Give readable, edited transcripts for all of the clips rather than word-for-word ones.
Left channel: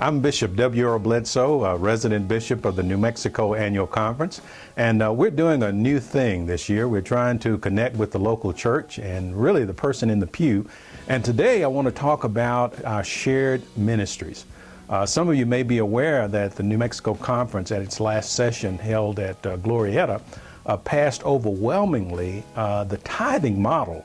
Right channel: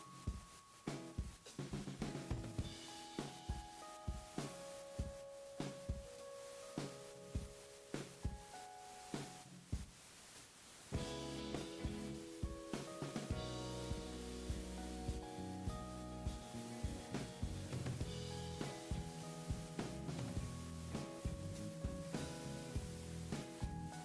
I'm Bishop W. Earl Bledsoe, resident bishop of the New Mexico Annual Conference, and we're doing a new thing this year. We're trying to connect with the local church and really the person in the pew. And today I want to talk about our shared ministries. Some of you may be aware that the New Mexico Conference at its last session held at Glorieta passed overwhelmingly the tithing model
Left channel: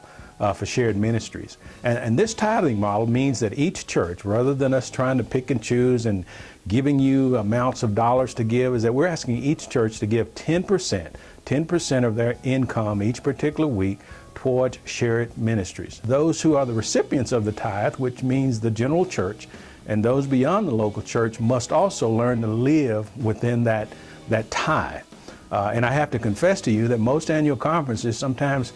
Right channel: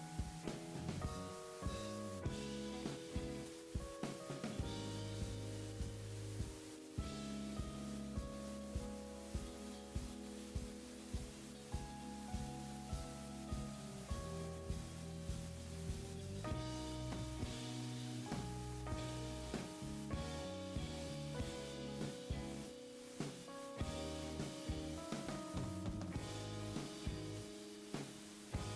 for shared ministries. And this tithing model means that each church, rather than us trying to pick and choose and giving you amounts of dollars to give, is that we're asking each church to give 10% of their income each particular week towards shared ministries. Those who are the recipients of the tithe, which means the general church, and those beyond the local church must also learn to live within that tithe. And I have to confess to you that most annual conferences, sometimes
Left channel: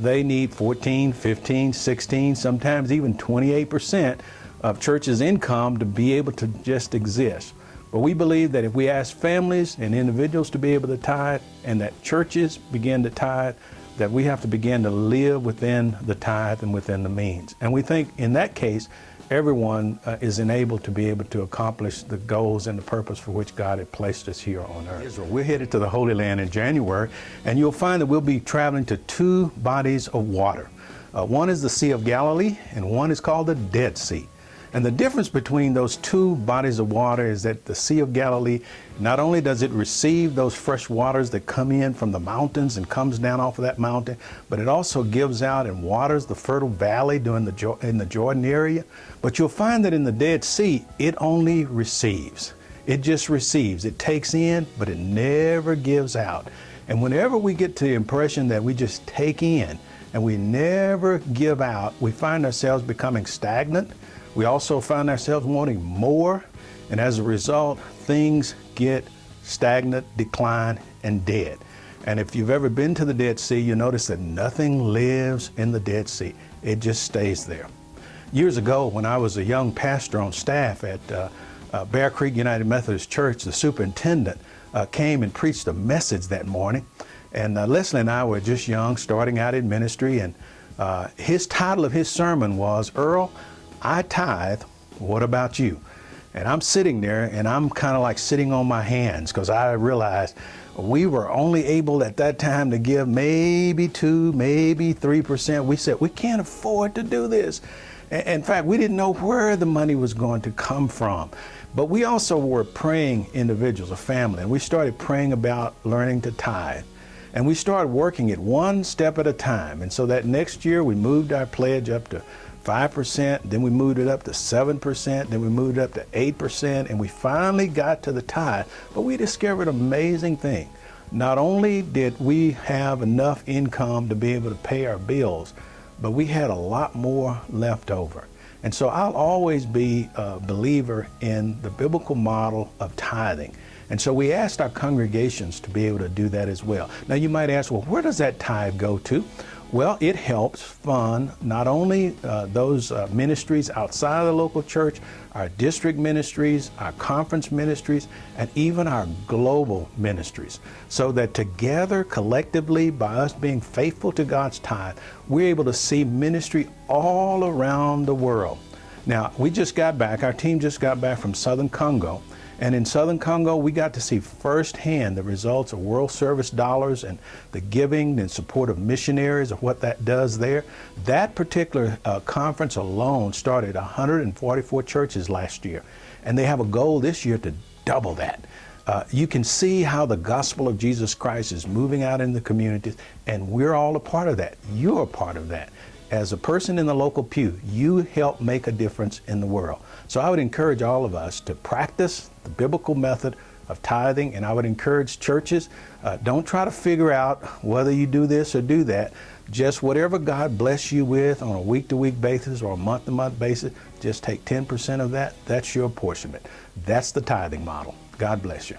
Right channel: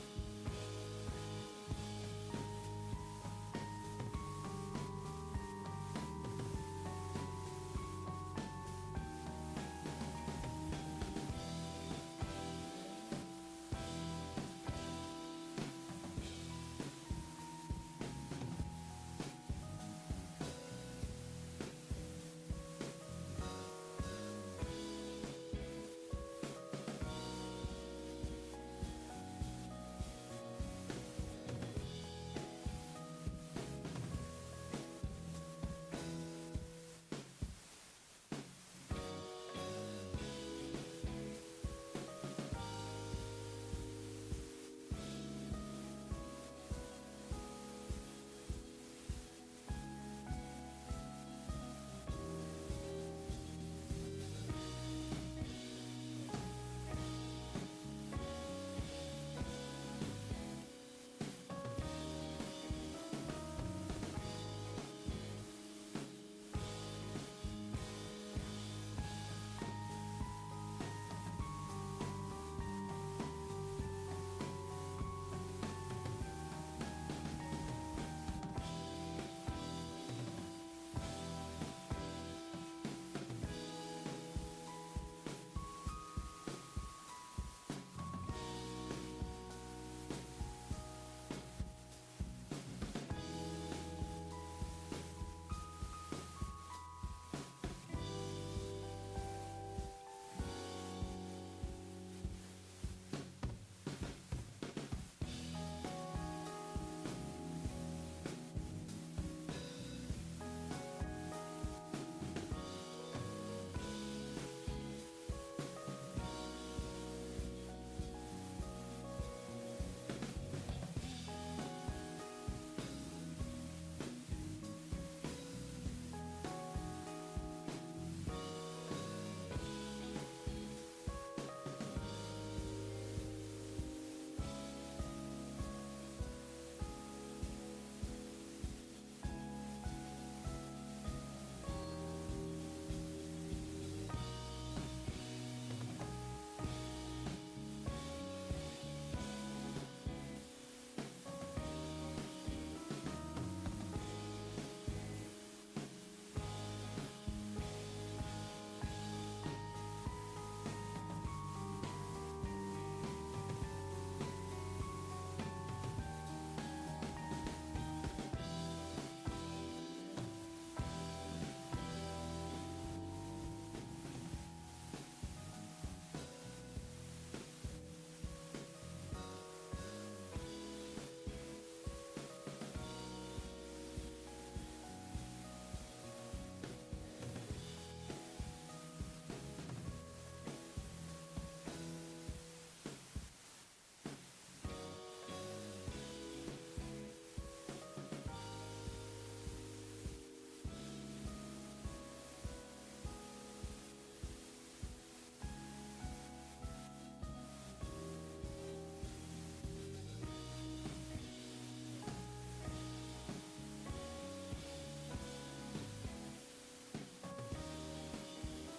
they need 14, 15, 16, sometimes even 28% of churches' income to be able to just exist. But we believe that if we ask families and individuals to be able to tithe and that churches begin to tithe, that we have to begin to live within the tithe and within the means. And we think in that case, everyone is enabled to be able to accomplish the goals and the purpose for which God had placed us here on earth. We're headed to the Holy Land in January, and you'll find that we'll be traveling to two bodies of water. One is the Sea of Galilee, and one is called the Dead Sea. And the difference between those two bodies of water is that the Sea of Galilee, not only does it receive those fresh waters that come in from the mountains and comes down off of that mountain, but it also gives out and waters the fertile valley in the Jordan area. But you'll find that in the Dead Sea, it only receives. It just receives. It takes in, but it never gives out. And whenever we get to the impression that we just take in and we never give out, we find ourselves becoming stagnant. We also find ourselves wanting more, and as a result, things get stagnant, decline, and dead. And if you've ever been to the Dead Sea, you notice that nothing lives in the Dead Sea. It just stays there. Years ago, when I was a young pastor on staff at Bear Creek United Methodist Church, the superintendent came and preached a message that morning. And Leslie and I were just young, starting out in ministry, and his title of his sermon was, "Earl I Tithe, What About You?" And I'm sitting there and I'm kind of like sitting on my hands because I realized we were only able at that time to give maybe 2, maybe 3%. We said, we can't afford to do this. In fact, we didn't know where the money was going to come from. But we also were praying individuals, a family, and we started praying about learning to tithe. And we started working it one step at a time. And so that next year we moved our pledge up to 5%, then we moved it up to 7%, then we moved it up to 8%, and we finally got to the tithe. But we discovered an amazing thing. Not only did we have enough income to be able to pay our bills, but we had a lot more left over. And so I'll always be a believer in the biblical model of tithing. And so we asked our congregations to be able to do that as well. Now you might ask, well, where does that tithe go to? Well, it helps fund not only those ministries outside of the local church, our district ministries, our conference ministries, and even our global ministries. So that together, collectively, by us being faithful to God's tithe, we're able to see ministry all around the world. Now, we just got back, our team just got back from Southern Congo. And in Southern Congo, we got to see firsthand the results of World Service dollars and the giving and support of missionaries, of what that does there. That particular conference alone started 144 churches last year, and they have a goal this year to double that. You can see how the gospel of Jesus Christ is moving out in the communities, and we're all a part of that. You're a part of that. As a person in the local pew, you help make a difference in the world. So I would encourage all of us to practice the biblical method of tithing, and I would encourage churches, don't try to figure out whether you do this or do that. Just whatever God bless you with on a week-to-week basis or a month-to-month basis, just take 10% of that. That's your apportionment. That's the tithing model. God bless you.